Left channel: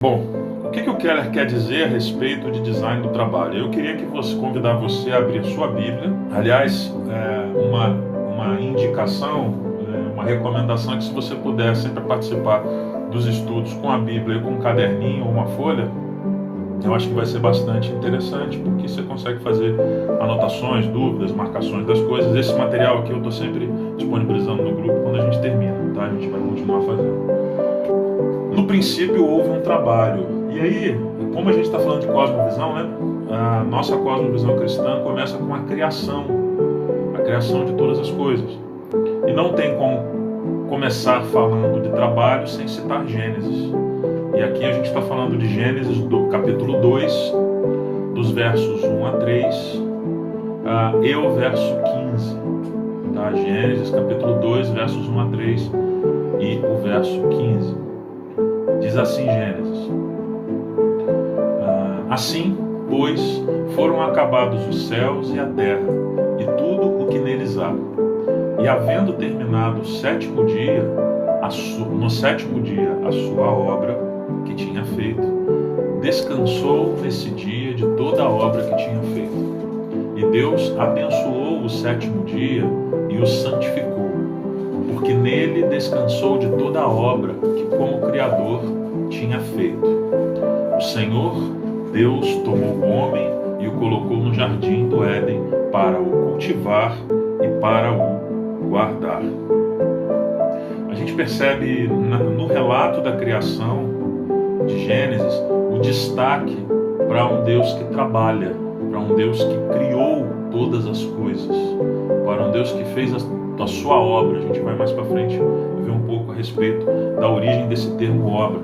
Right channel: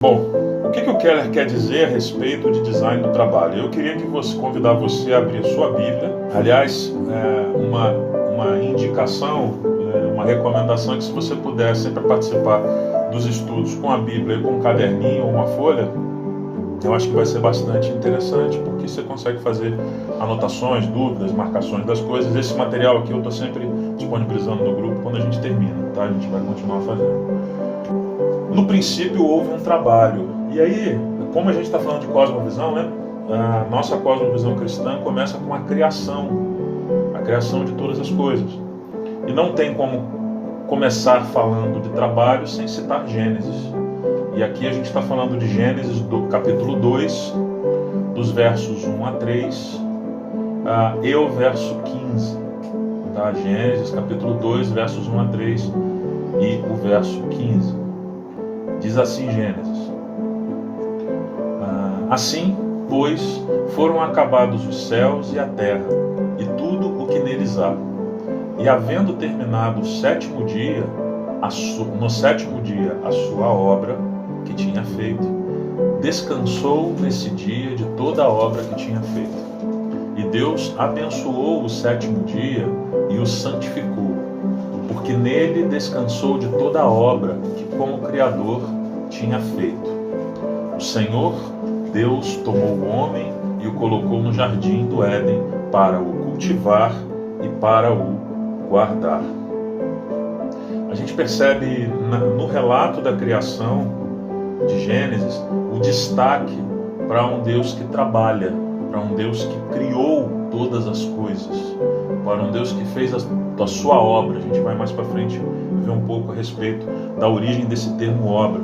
Bom, o que o Keller quer dizer a respeito de design do trabalho? Eu queria convidar você a abrir sua Bíblia. Aliás, uma indicação, uma recomendação é que se você puder sempre participar dos estudos com a Bíblia e com um caderninho ou uma folha, eu acho que vai ser bastante interessante, porque você consegue fazer anotações, dúvidas, marcações das coisas. Esse material aqui eu estou sempre disponibilizando no grupo quando a gente termina, tá? A gente vai continuar fazendo. No princípio houve um trabalho. E aí, como a gente está falando de cosmovisão, né? A nossa cosmovisão cristã começa com a criação de todas as coisas. E não tem como começar falando de trabalho sem citar Gênesis. E aqui a gente está falando de Gênesis do capítulo 2, dos versos 1 a 3 e o verso 15. Tá? Gênesis capítulo 2, versos 1 a 3 e o verso 15. Diz assim Gênesis: assim, pois, foram acabados os céus e a terra, e tudo o que neles há. E havendo terminado o sétimo dia, no sétimo dia a sua obra que tinha feito, descansou nesse dia de toda a obra que tinha feito. E Deus abençoou o sétimo dia e o santificou, porque nele descansou de toda a obra que como Criador tinha feito. O Senhor Deus tomou o homem e o colocou no jardim do Éden para o cultivar e para o guardar. A gente percebe no relato da criação de Gênesis o destaque para um Deus que trabalha, para um Deus que criou todas as coisas, para um Deus que fez a sua obra. A gente vai mais para frente ver um pouco a respeito da origem desse termo obra.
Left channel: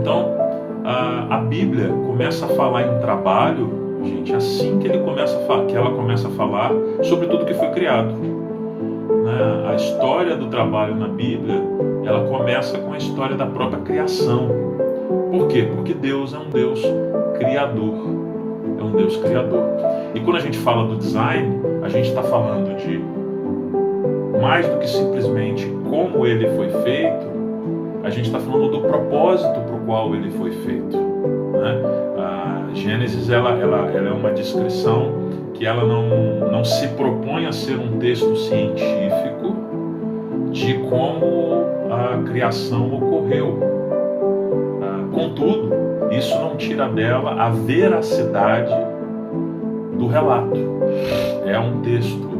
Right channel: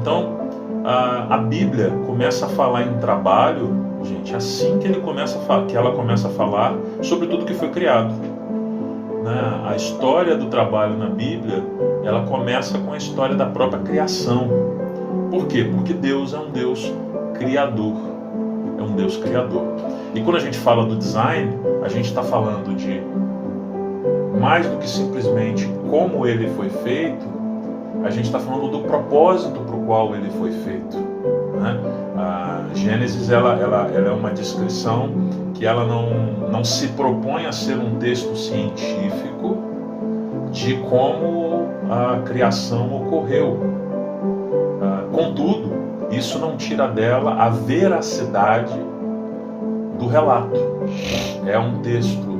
Então, a Bíblia começa a falar em trabalho, gente, assim que ela começa a falar sobre tudo que foi criado. Né? A história do trabalho na Bíblia, ela começa com a história da própria criação. Por quê? Porque Deus é um Deus criador. É um Deus criador. E quando a gente fala do design, a gente está falando de mais do que simplesmente como ele foi feito, a gente está falando do propósito para o qual ele foi feito. Né? A Gênesis ela é uma descrição que ela não se propõe a ser um texto científico de como a criação ocorreu. Contudo, isso não tira dela a veracidade do relato. É um texto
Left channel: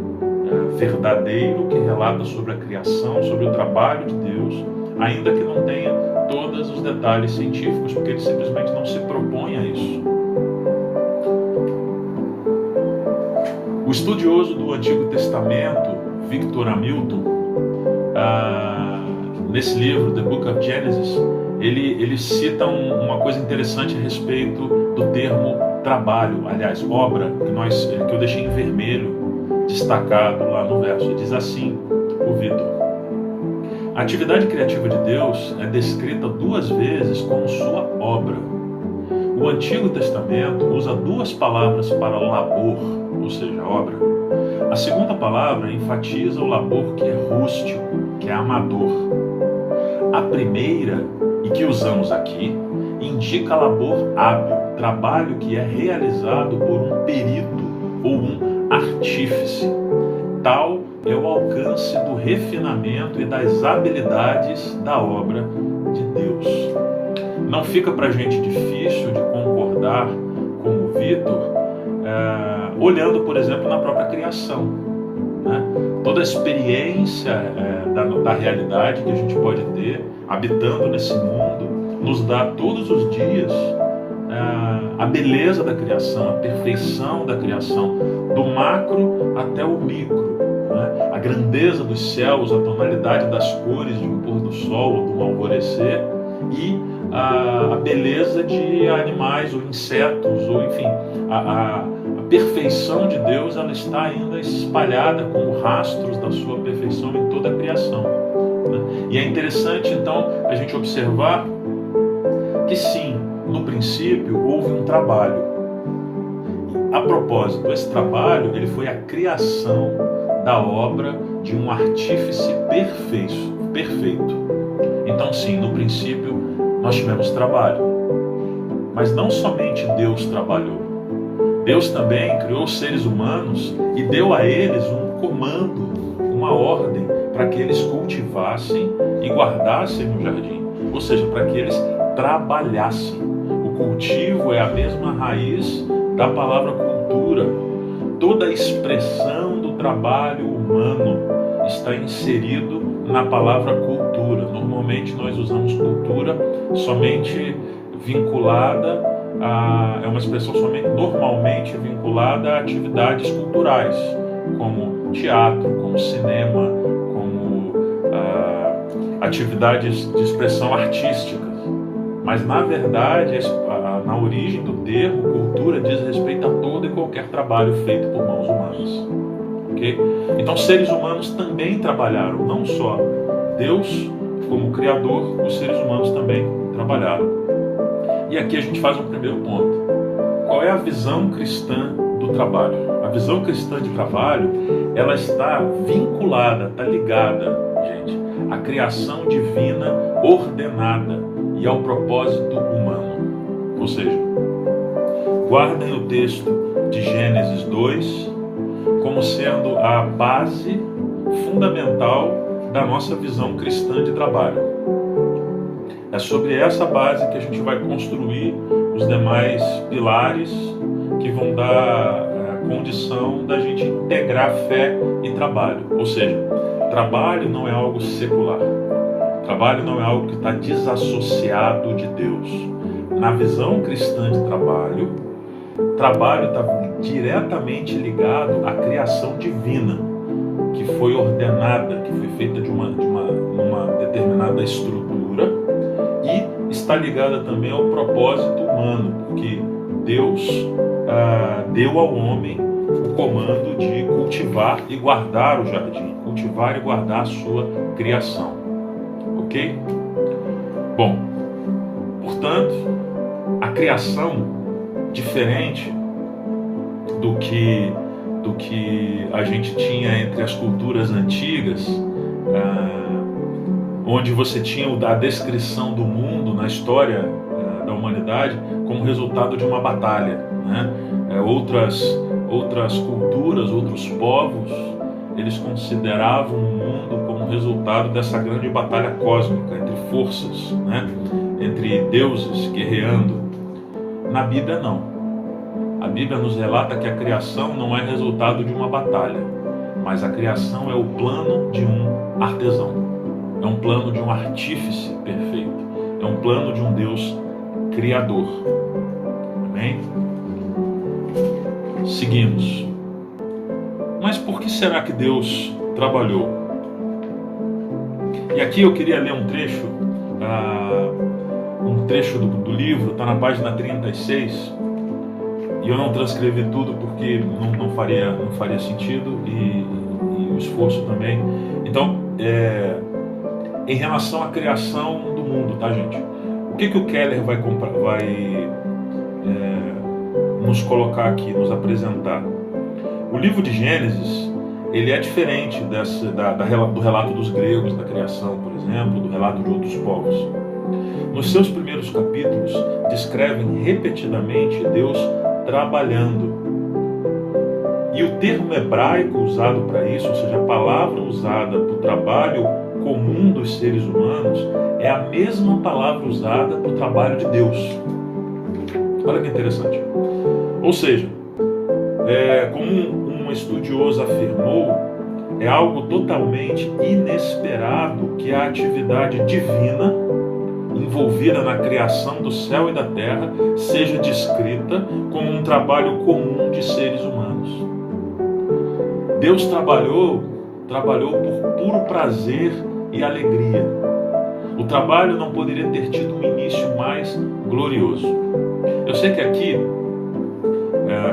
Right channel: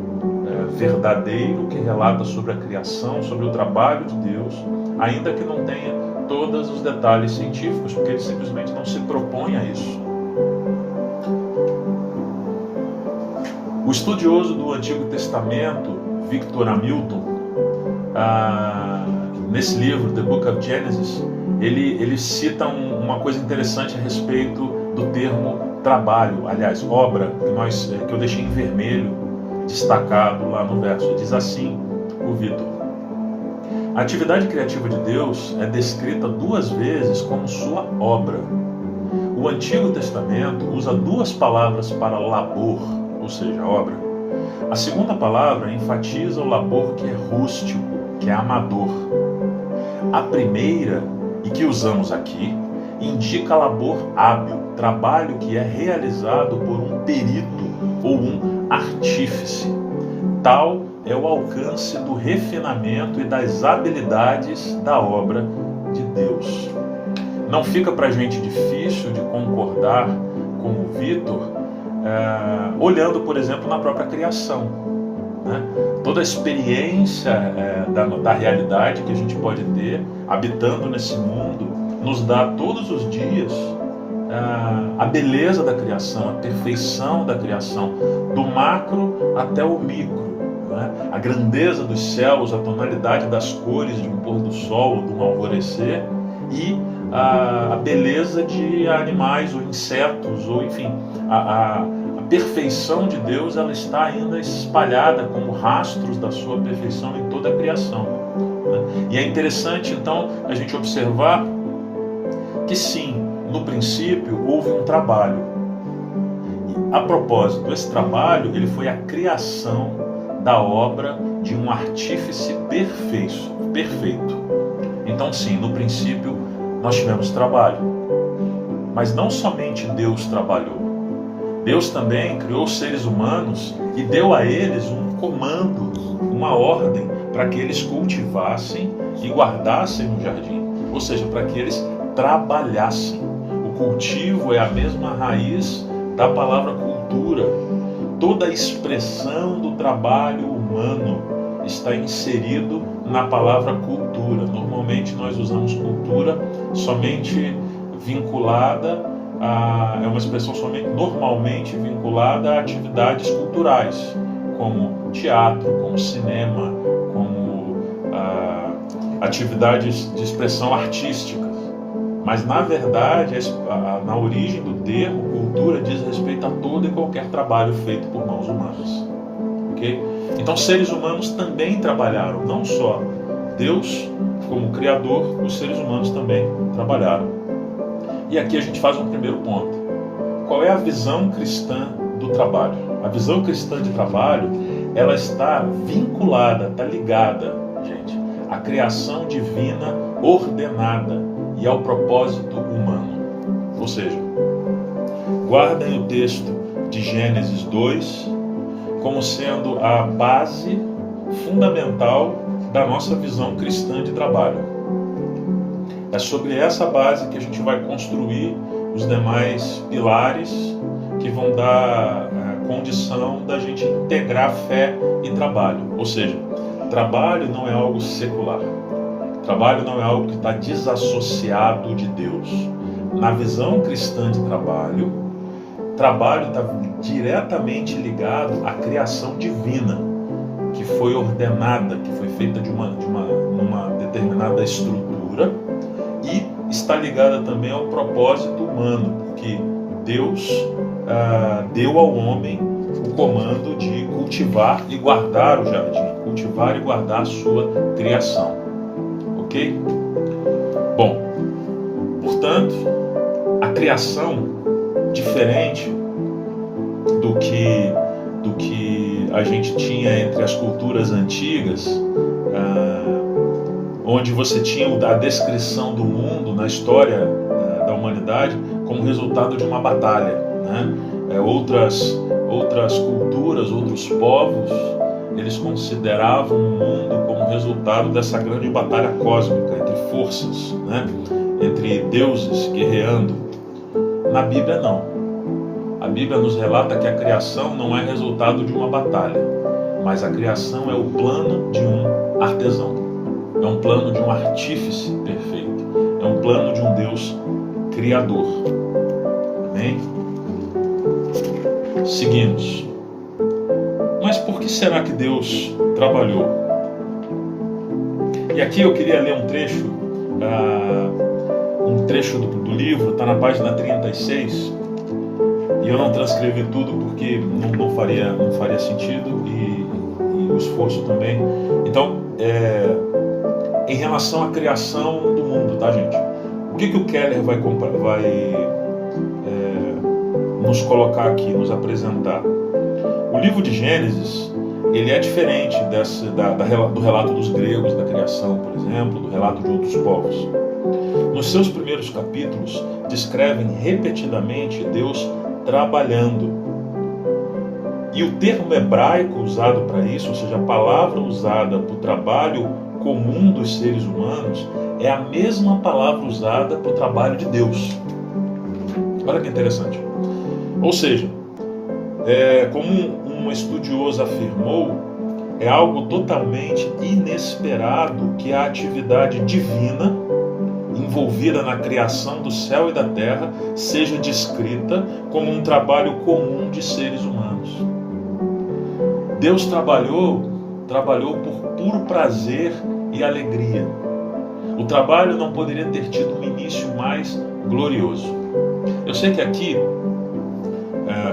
verdadeiro que relata sobre a criação, sobre o trabalho de Deus, ainda que não tenha todos os detalhes científicos, porque ele simplesmente não se propõe a isso. O estudioso do Antigo Testamento, Victor Hamilton, nesse livro, The Book of Genesis, ele cita uma coisa interessante a respeito do termo trabalho, aliás, obra, que eu deixei em vermelho, destacado lá no verso. Diz assim o Victor: a atividade criativa de Deus é descrita 2 vezes como sua obra. O Antigo Testamento usa 2 palavras para labor, ou seja, obra. A segunda palavra enfatiza o labor que é rústico, que é amador. A primeira, e que usamos aqui, indica labor hábil, trabalho que é realizado por um perito ou um artífice. Tal é o alcance do refinamento e das habilidades da obra de Deus. Não fica para a gente difícil de concordar com o Victor, olhando, por exemplo, na própria criação. Né? Toda a experiência da realidade que a gente pode ter habitando nesse mundo nos dá todos os dias a beleza da criação, a perfeição da criação, do macro até o micro. Né? A grandeza dos céus, a tonalidade das cores de um pôr do sol ou de um alvorecer, e a beleza de animais ou insetos, ou enfim, a perfeição de Deus, ela está ainda espalhada como rastros da sua perfeição em toda a criação. Né? E é interessante então a gente observar que sim, no princípio houve um trabalho. A propósito, esse trabalho ele foi a criação da obra de um artífice perfeito. Então sim, no princípio nós tivemos trabalho. Mas não somente Deus trabalhou. Deus também criou seres humanos e deu a eles um comando, uma ordem, para que eles cultivassem e guardassem no jardim. Ou seja, para que eles trabalhassem. O cultivo é a mesma raiz da palavra cultura. Toda a expressão do trabalho humano está inserido na palavra cultura. Normalmente nós usamos cultura somente vinculada é uma expressão normalmente vinculada a atividades culturais, como teatro, como cinema, como atividades de expressão artísticas. Mas, na verdade, na origem do termo, cultura diz respeito a todo e qualquer trabalho feito por mãos humanas. Okay? Então, seres humanos também trabalharam, não só Deus como Criador, os seres humanos também trabalharam. E aqui a gente faz um primeiro ponto. Qual é a visão cristã do trabalho? A visão cristã de trabalho, ela está vinculada, está ligada, gente, à criação divina ordenada e ao propósito humano. Ou seja, guardem o texto de Gênesis 2 como sendo a base fundamental da nossa visão cristã de trabalho. É sobre essa base que a gente vai construir os demais pilares que vão dar condição da gente integrar fé e trabalho. Ou seja, trabalho não é algo secular. Trabalho não é algo que está desassociado de Deus. Na visão cristã de trabalho está diretamente ligado à criação divina, que foi ordenada, que foi feita numa determinada estrutura, e está ligada também ao propósito humano, porque Deus deu ao homem o comando de cultivar e guardar o jardim, cultivar e guardar a sua criação. Ok? Bom, portanto, a criação, diferente do que a gente tinha entre as culturas antigas, onde você tinha a descrição do mundo na história da humanidade como resultado de uma batalha, né? Outras culturas, outros povos, eles consideravam o mundo como resultado dessa grande batalha cósmica entre forças, né? Entre deuses guerreando. Na Bíblia não. A Bíblia nos relata que a criação não é resultado de uma batalha, mas a criação é o plano de um artesão. É um plano de um artífice perfeito. É um plano de um Deus criador. Amém? Seguimos. Mas por que será que Deus trabalhou? E aqui eu queria ler um trecho do livro, está na página 36, e eu não transcrevi tudo porque não faria sentido, e o esforço também. Então, em relação à criação do mundo, tá, gente? O que o Keller vai nos colocar aqui, nos apresentar? O livro de Gênesis, ele é diferente do relato dos gregos, da criação, por exemplo, do relato de outros povos. Nos seus primeiros capítulos, descrevem repetidamente Deus trabalhando. E o termo hebraico usado para isso, ou seja, a palavra usada para o trabalho comum dos seres humanos, é a mesma palavra usada para o trabalho de Deus. Olha que interessante. Ou seja, como um estudioso afirmou, é algo totalmente inesperado que a atividade divina envolvida na criação do céu e da terra seja descrita como um trabalho comum de seres humanos. Deus trabalhou por puro prazer e alegria. O trabalho não poderia ter tido um início mais glorioso. Eu sei que aqui,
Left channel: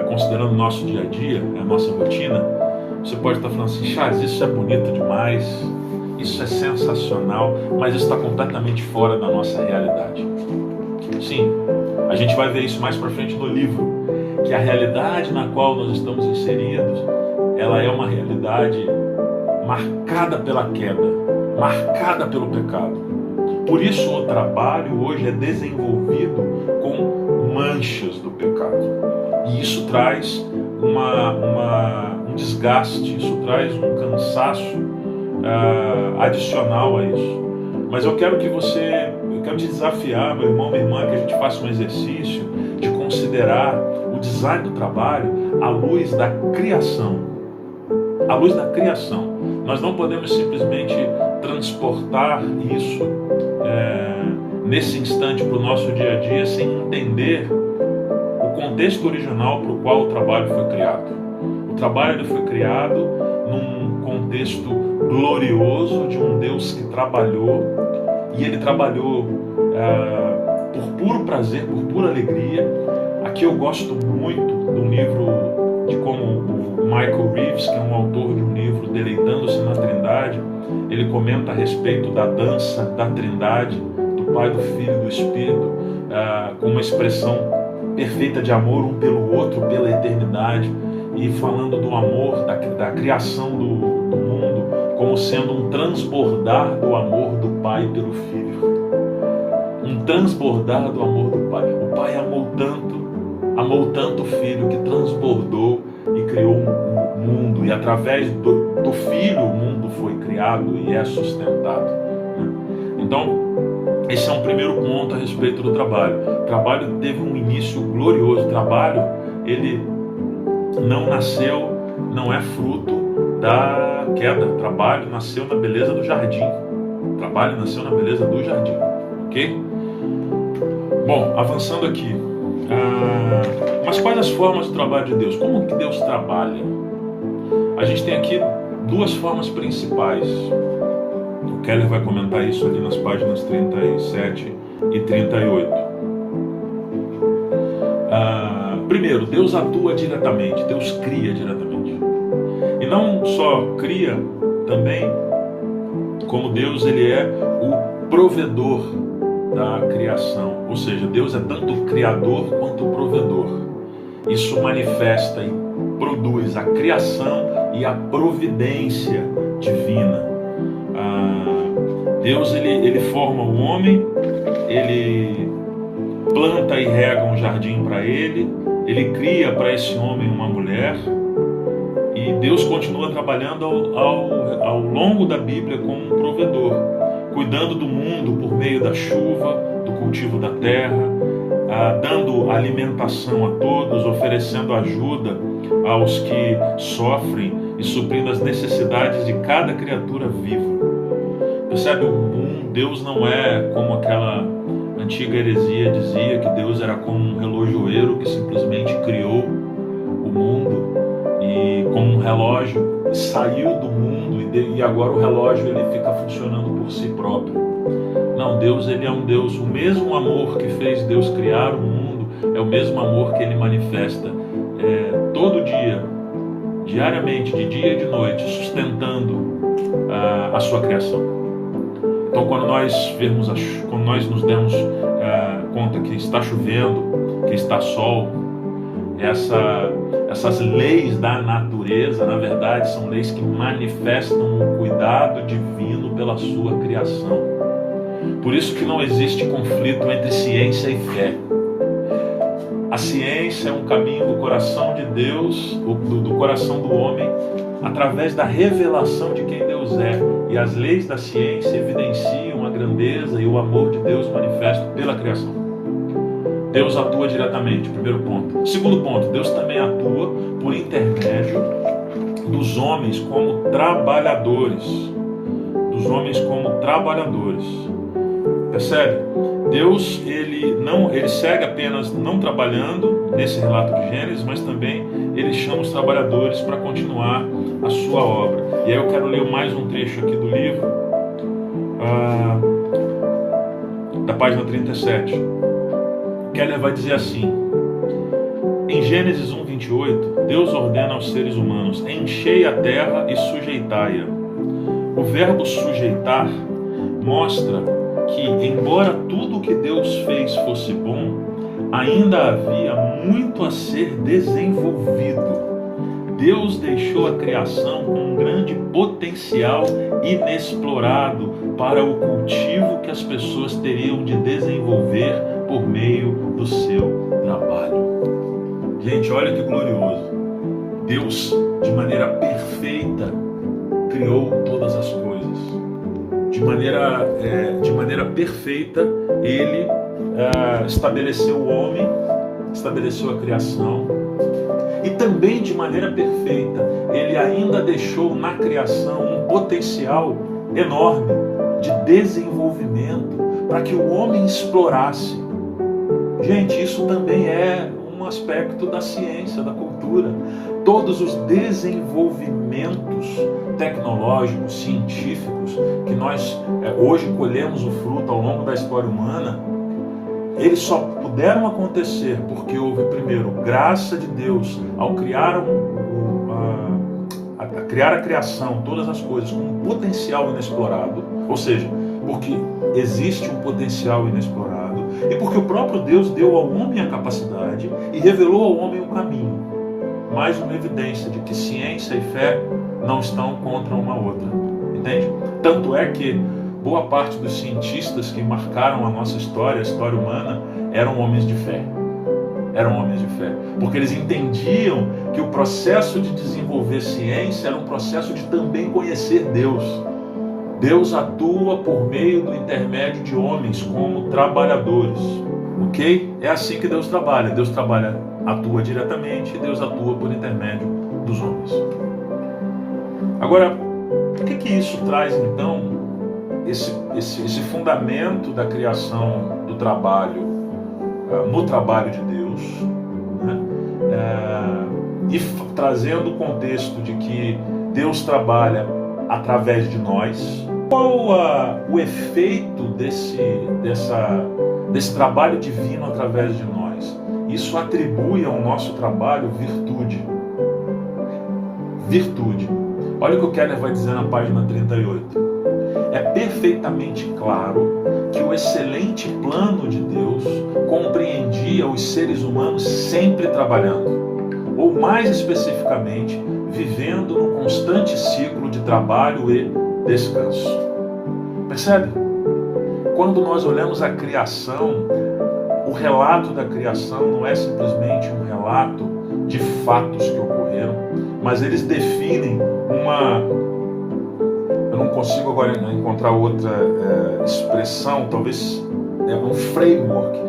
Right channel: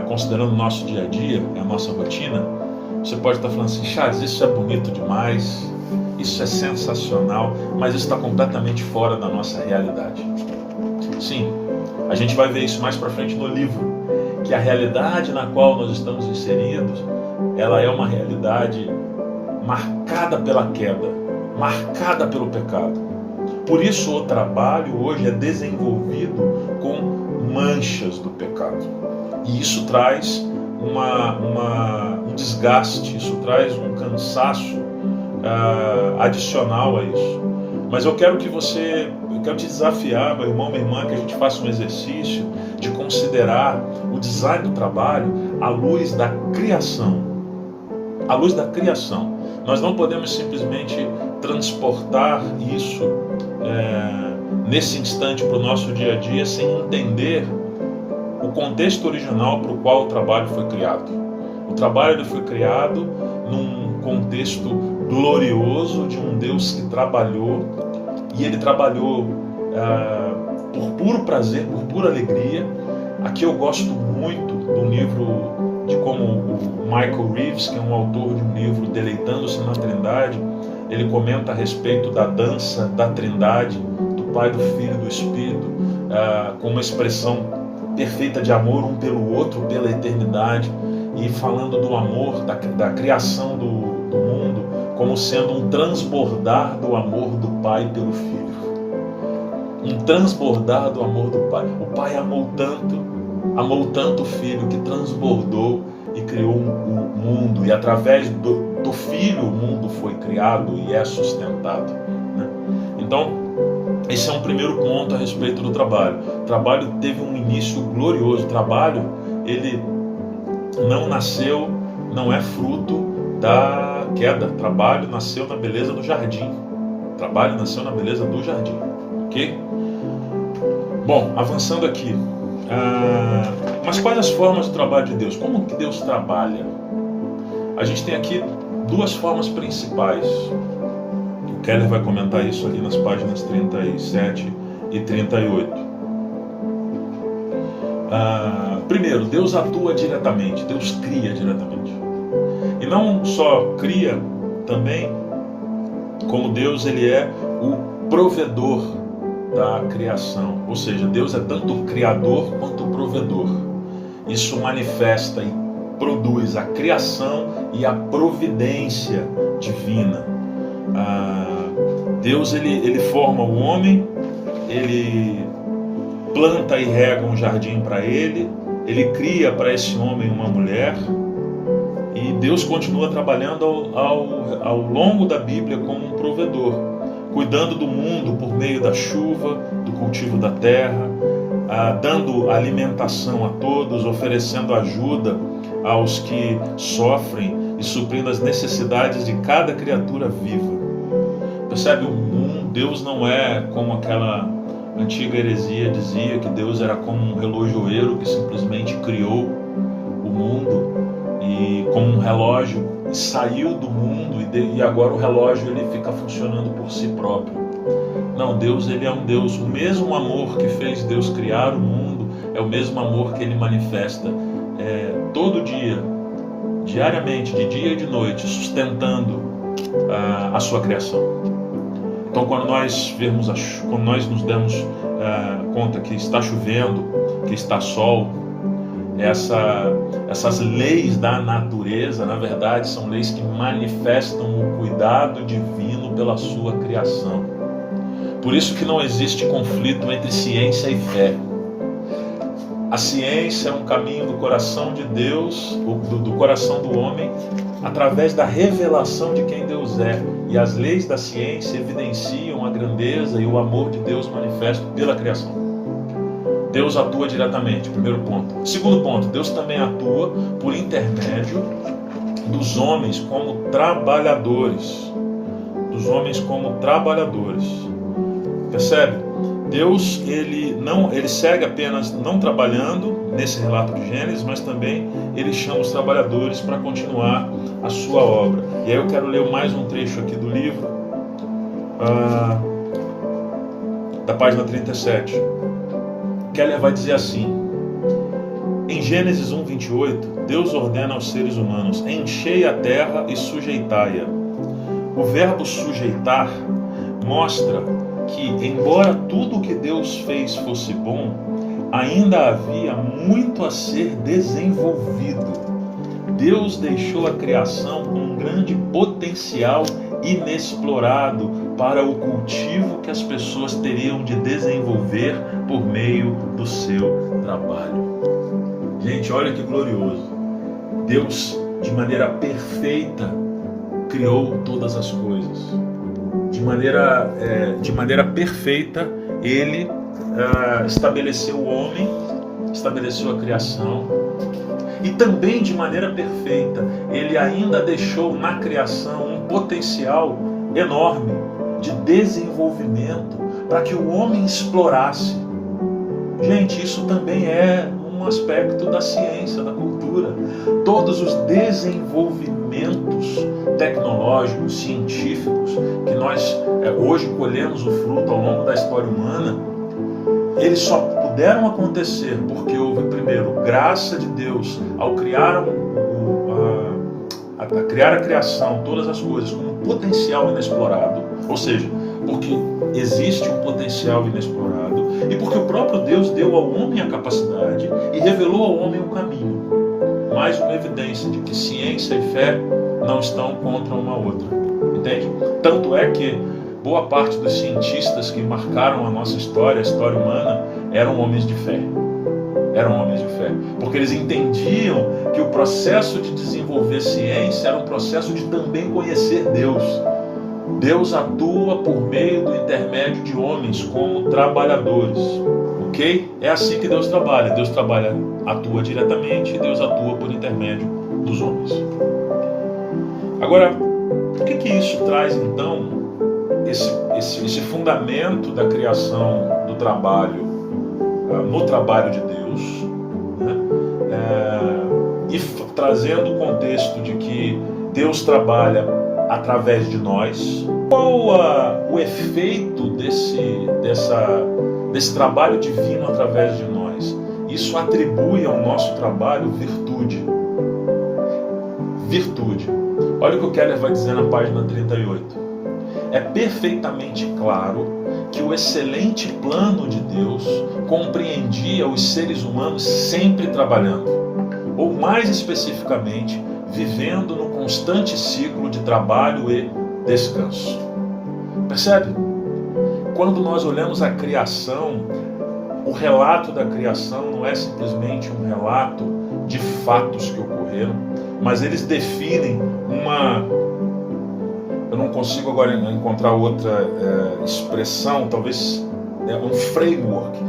considerando o nosso dia a dia, a nossa rotina, você pode estar falando assim: Charles, isso é bonito demais, isso é sensacional, mas isso está completamente fora da nossa realidade. Sim, a gente vai ver isso mais para frente no livro, que a realidade na qual nós estamos inseridos, ela é uma realidade marcada pela queda, marcada pelo pecado. Por isso o trabalho hoje é desenvolvido com manchas do pecado. E isso traz um desgaste, isso traz um cansaço adicional a isso. Mas eu quero te desafiar, meu irmão, minha irmã, que a gente faça um exercício de considerar o design do trabalho à luz da criação. À luz da criação. Nós não podemos simplesmente transportar isso nesse instante para o nosso dia a dia sem entender o contexto original para o qual o trabalho foi criado. O trabalho foi criado num contexto glorioso de um Deus que trabalhou, e ele trabalhou por puro prazer, por pura alegria. Aqui eu gosto muito do livro de como o Michael Reeves, que é um autor de um livro, Deleitando-se na Trindade, ele comenta a respeito da dança da Trindade, do Pai, do Filho e do Espírito, com uma expressão perfeita de amor um pelo outro, pela eternidade, e falando do amor, da criação do mundo, como sendo um transbordar do amor do Pai pelo Filho. Um transbordar do amor do Pai. O Pai amou tanto o Filho, que transbordou e criou o mundo, e através do Filho o mundo foi criado e é sustentado, né? Então, esse é um primeiro ponto a respeito do trabalho. O trabalho teve um início glorioso. O trabalho, ele não é fruto da queda. O trabalho nasceu na beleza do jardim. O trabalho nasceu na beleza do jardim. Ok? Bom, avançando aqui. Mas quais as formas do trabalho de Deus? Como que Deus trabalha? A gente tem aqui duas formas principais. O Keller vai comentar isso ali nas páginas 37 e 38. Primeiro, Deus atua diretamente, Deus cria diretamente. E não só cria, também, como Deus, ele é o provedor da criação. Ou seja, Deus é tanto criador quanto provedor. Isso manifesta e produz a criação e a providência divina. Deus, ele forma o homem, ele planta e rega um jardim para ele cria para esse homem uma mulher, e Deus continua trabalhando ao longo da Bíblia como um provedor, cuidando do mundo por meio da chuva, do cultivo da terra, dando alimentação a todos, oferecendo ajuda aos que sofrem e suprindo as necessidades de cada criatura viva. Percebe? O mundo, Deus não é como aquela antiga heresia dizia, que Deus era como um relojoeiro que simplesmente criou o mundo, e como um relógio saiu do mundo e agora o relógio ele fica funcionando por si próprio. Não, Deus, ele é um Deus, o mesmo amor que fez Deus criar o mundo é o mesmo amor que ele manifesta todo dia, diariamente, de dia e de noite, sustentando a sua criação. Então, quando nós nos demos conta que está chovendo, que está sol, essas leis da natureza, na verdade, são leis que manifestam o cuidado divino pela sua criação. Por isso que não existe conflito entre ciência e fé. A ciência é um caminho do coração de Deus, do coração do homem, através da revelação de quem Deus é. E as leis da ciência evidenciam a grandeza e o amor de Deus manifesto pela criação. Deus atua diretamente, primeiro ponto. Segundo ponto, Deus também atua por intermédio dos homens como trabalhadores. Dos homens como trabalhadores. Percebe? Deus, ele segue apenas não trabalhando nesse relato de Gênesis, mas também ele chama os trabalhadores para continuar a sua obra. E aí eu quero ler mais um trecho aqui do livro, da página 37. Keller vai dizer assim: em Gênesis 1:28, Deus ordena aos seres humanos: enchei a terra e sujeitai-a. O verbo sujeitar mostra que, embora tudo o que Deus fez fosse bom, ainda havia muito a ser desenvolvido. Deus deixou a criação com um grande potencial inexplorado para o cultivo que as pessoas teriam de desenvolver por meio do seu trabalho. trabalho. Gente, olha que glorioso. Deus, de maneira perfeita, criou todas as coisas. De maneira perfeita, Ele estabeleceu o homem, estabeleceu a criação. E também de maneira perfeita, Ele ainda deixou na criação um potencial enorme de desenvolvimento para que o homem explorasse. Gente, isso também é um aspecto da ciência, da cultura. Todos os desenvolvimentos tecnológicos, científicos, que nós hoje colhemos o fruto ao longo da história humana, eles só puderam acontecer porque houve, primeiro, graça de Deus ao criar a criação, todas as coisas, com um potencial inexplorado, ou seja, porque existe um potencial inexplorado, e porque o próprio Deus deu ao homem a capacidade e revelou ao homem o caminho. Mais uma evidência de que ciência e fé não estão contra uma outra. Entende? Tanto é que boa parte dos cientistas que marcaram a nossa história, a história humana, eram homens de fé. Eram homens de fé. Porque eles entendiam que o processo de desenvolver ciência era um processo de também conhecer Deus. Deus atua por meio do intermédio de homens como trabalhadores. Ok? É assim que Deus trabalha. Deus atua diretamente e Deus atua por intermédio dos homens. Agora, o que isso traz então? Esse fundamento da criação do trabalho, no trabalho de Deus, né? E trazendo o contexto de que Deus trabalha através de nós. Qual o efeito desse trabalho divino através de nós? Isso atribui ao nosso trabalho virtude. Virtude. Olha o que o Keller vai dizer na página 38. É perfeitamente claro que o excelente plano de Deus compreendia os seres humanos sempre trabalhando, ou mais especificamente, vivendo no constante ciclo de trabalho e descanso. Percebe? Quando nós olhamos a criação, o relato da criação não é simplesmente um relato de fatos que ocorreram, mas eles definem eu não consigo agora encontrar outra expressão, talvez um framework,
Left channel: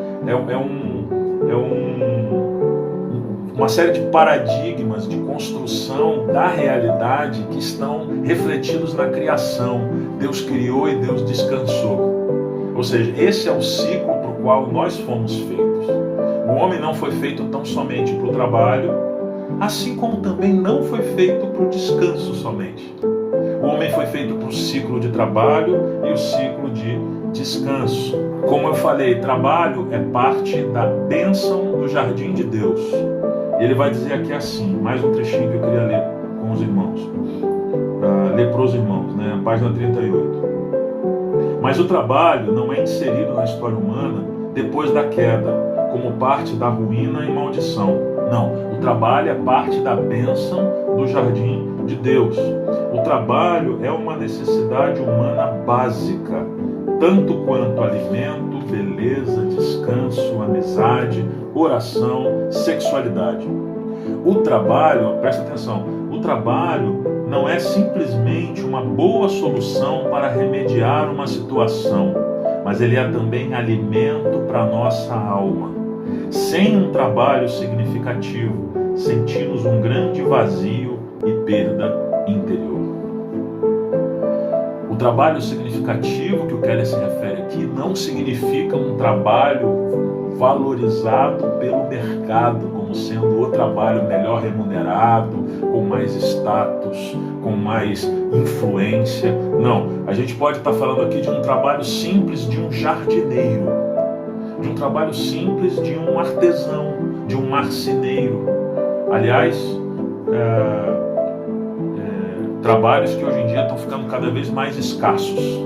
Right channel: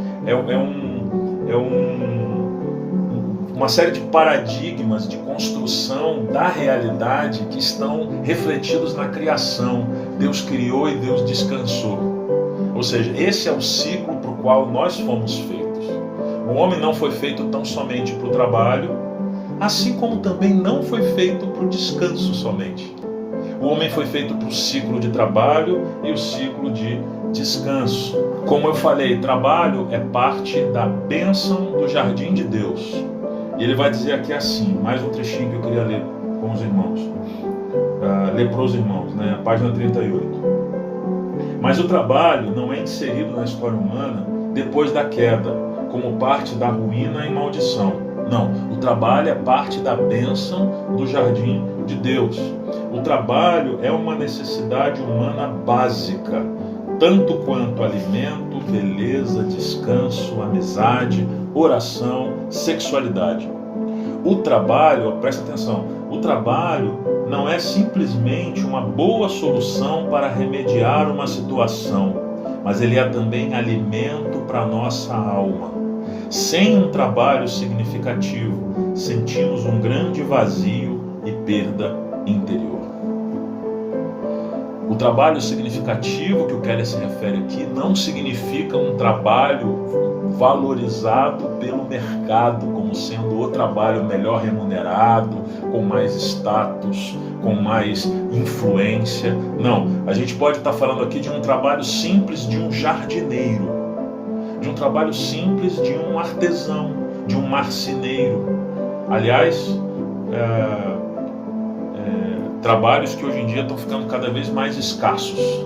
uma série de paradigmas de construção da realidade que estão refletidos na criação. Deus criou e Deus descansou. Ou seja, esse é o ciclo para o qual nós fomos feitos. O homem não foi feito tão somente para o trabalho, assim como também não foi feito para o descanso somente. O homem foi feito para o ciclo de trabalho e o ciclo de descanso. Como eu falei, trabalho é parte da bênção do jardim de Deus. E ele vai dizer aqui assim, mais um trechinho que eu queria ler com os irmãos. Ler para os irmãos, né? A página 38. Mas o trabalho não é inserido na história humana depois da queda, como parte da ruína e maldição. Não, o trabalho é parte da bênção do jardim de Deus. O trabalho é uma necessidade humana básica, tanto quanto alimento, beleza, descanso, amizade, oração, sexualidade. O trabalho, presta atenção, o trabalho não é simplesmente uma boa solução para remediar uma situação, mas ele é também alimento para a nossa alma. Sem um trabalho significativo, sentimos um grande vazio e perda interior. O trabalho significativo que o Keller se refere aqui não significa um trabalho valorizado pelo mercado como sendo o trabalho melhor remunerado, com mais status, com mais influência. Não, a gente pode estar falando aqui de um trabalho simples de um jardineiro, de um trabalho simples de um artesão, de um marceneiro. Aliás, trabalhos que hoje em dia estão ficando cada vez mais escassos,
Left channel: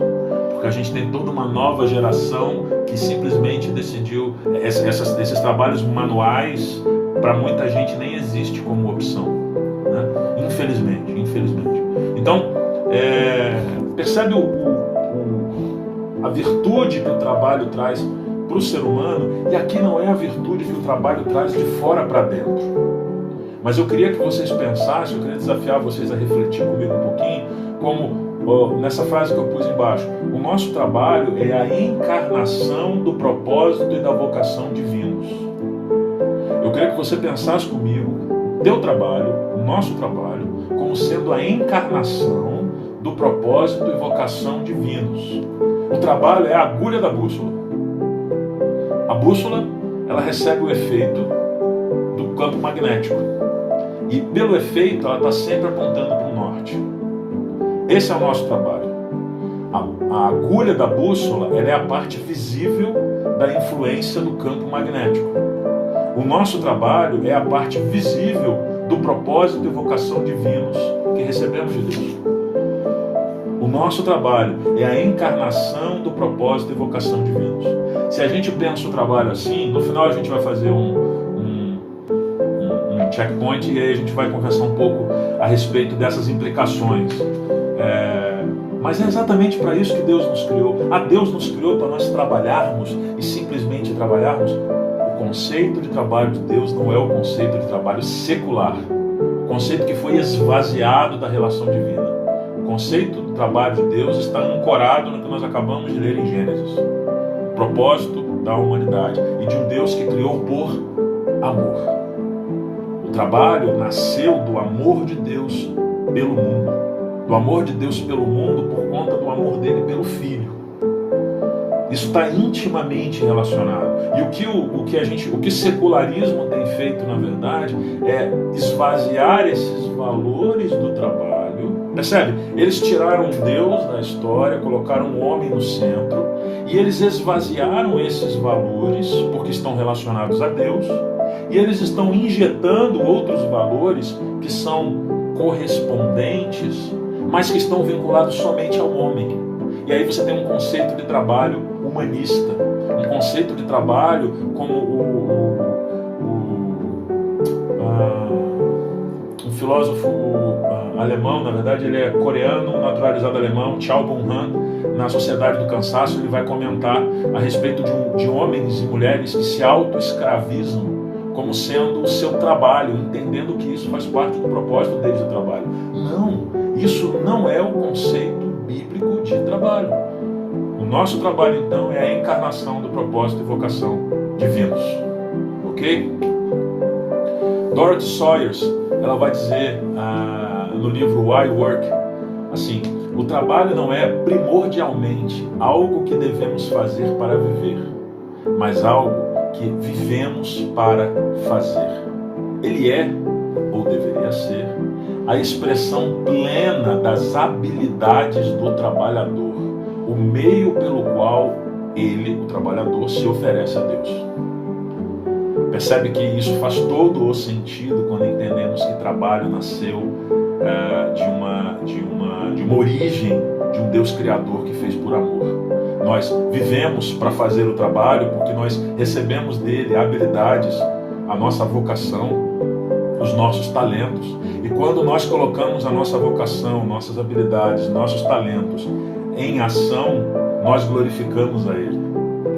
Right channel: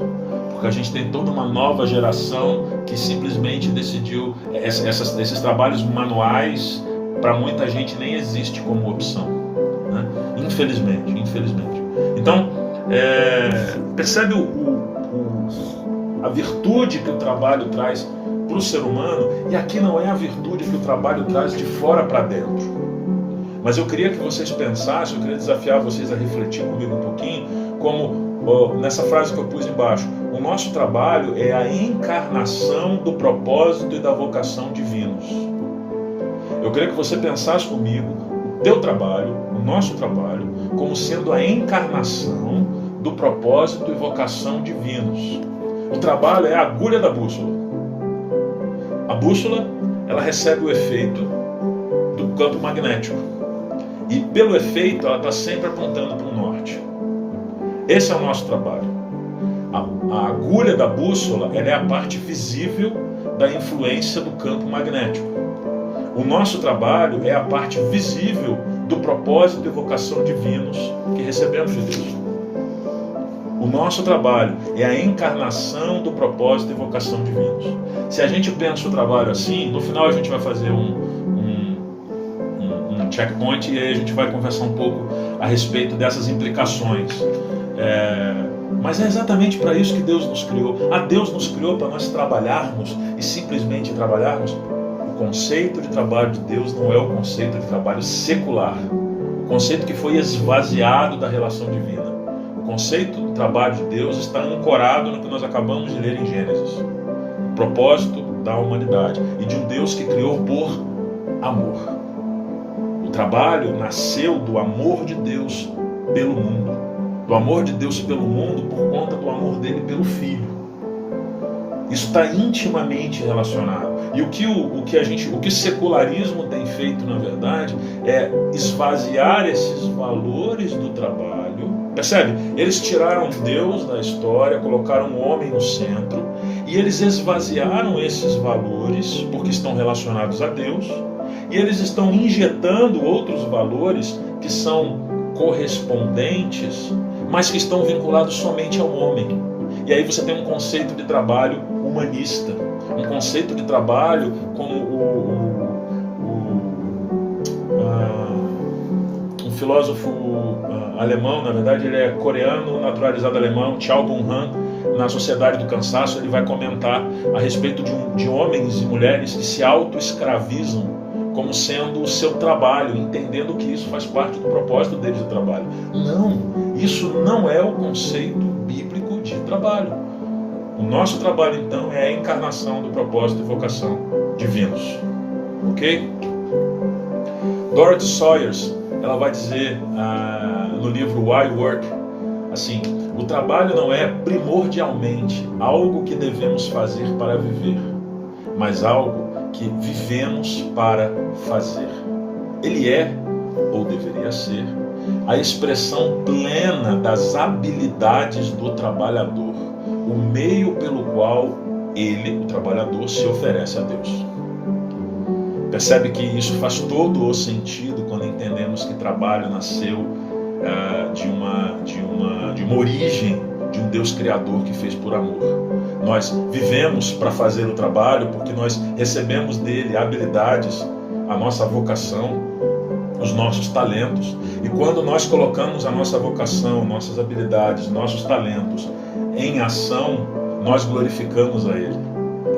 porque a gente tem toda uma nova geração que simplesmente decidiu, esses trabalhos manuais, para muita gente nem existe como opção, né? Infelizmente. Então, percebe a virtude que o trabalho traz para o ser humano, e aqui não é a virtude que o trabalho traz de fora para dentro. Mas eu queria que vocês pensassem, eu queria desafiar vocês a refletir comigo um pouquinho, como nessa frase que eu pus embaixo: o nosso trabalho é a encarnação do propósito e da vocação divinos. Eu queria que você pensasse comigo o teu trabalho, o nosso trabalho, como sendo a encarnação do propósito e vocação divinos. O trabalho é a agulha da bússola. A bússola, ela recebe o efeito do campo magnético. E pelo efeito, ela está sempre apontando para o norte. Esse é o nosso trabalho. A agulha da bússola, ela é a parte visível da influência do campo magnético. O nosso trabalho é a parte visível do propósito e vocação divinos que recebemos de Deus. O nosso trabalho é a encarnação do propósito e vocação divinos. Se a gente pensa o trabalho assim, no final a gente vai fazer um checkpoint e aí a gente vai conversar um pouco a respeito dessas implicações. Mas é exatamente para isso que Deus nos criou. Deus nos criou para nós trabalharmos e simplesmente trabalharmos. O conceito de trabalho de Deus não é o conceito de trabalho secular. O conceito que foi esvaziado da relação divina. O conceito do trabalho de Deus está ancorado no que nós acabamos de ler em Gênesis. O propósito da humanidade e de um Deus que criou por amor. O trabalho nasceu do amor de Deus pelo mundo. Do amor de Deus pelo mundo por conta do amor dele pelo Filho. Isso está intimamente relacionado. E o que o secularismo tem feito, na verdade, é esvaziar esses valores do trabalho. Percebe? Eles tiraram Deus da história, colocaram o homem no centro, e eles esvaziaram esses valores, porque estão relacionados a Deus, e eles estão injetando outros valores que são correspondentes, mas que estão vinculados somente ao homem. E aí você tem um conceito de trabalho humanista, um conceito de trabalho como um filósofo alemão, na verdade ele é coreano, naturalizado alemão, Chao Bung-han, na Sociedade do Cansaço, ele vai comentar a respeito de homens e mulheres que se auto-escravizam como sendo o seu trabalho, entendendo que isso faz parte do propósito deles do trabalho. Não, isso não é o conceito bíblico de trabalho. O nosso trabalho, então, é a encarnação do propósito e vocação divinos. Ok? Dorothy Sayers, ela vai dizer no livro Why Work, assim: o trabalho não é primordialmente algo que devemos fazer para viver, mas algo que vivemos para fazer. Ele é, ou deveria ser, a expressão plena das habilidades do trabalhador, o meio pelo qual ele, o trabalhador, se oferece a Deus. Percebe que isso faz todo o sentido quando entendemos que trabalho nasceu de uma origem de um Deus Criador que fez por amor. Nós vivemos para fazer o trabalho porque nós recebemos dele habilidades, a nossa vocação, os nossos talentos. E quando nós colocamos a nossa vocação, nossas habilidades, nossos talentos em ação, nós glorificamos a Ele.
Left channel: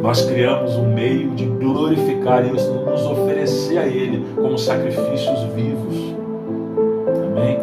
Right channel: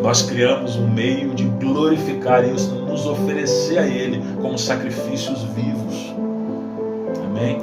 Nós criamos um meio de glorificar isso, nos oferecer a Ele como sacrifícios vivos. Amém?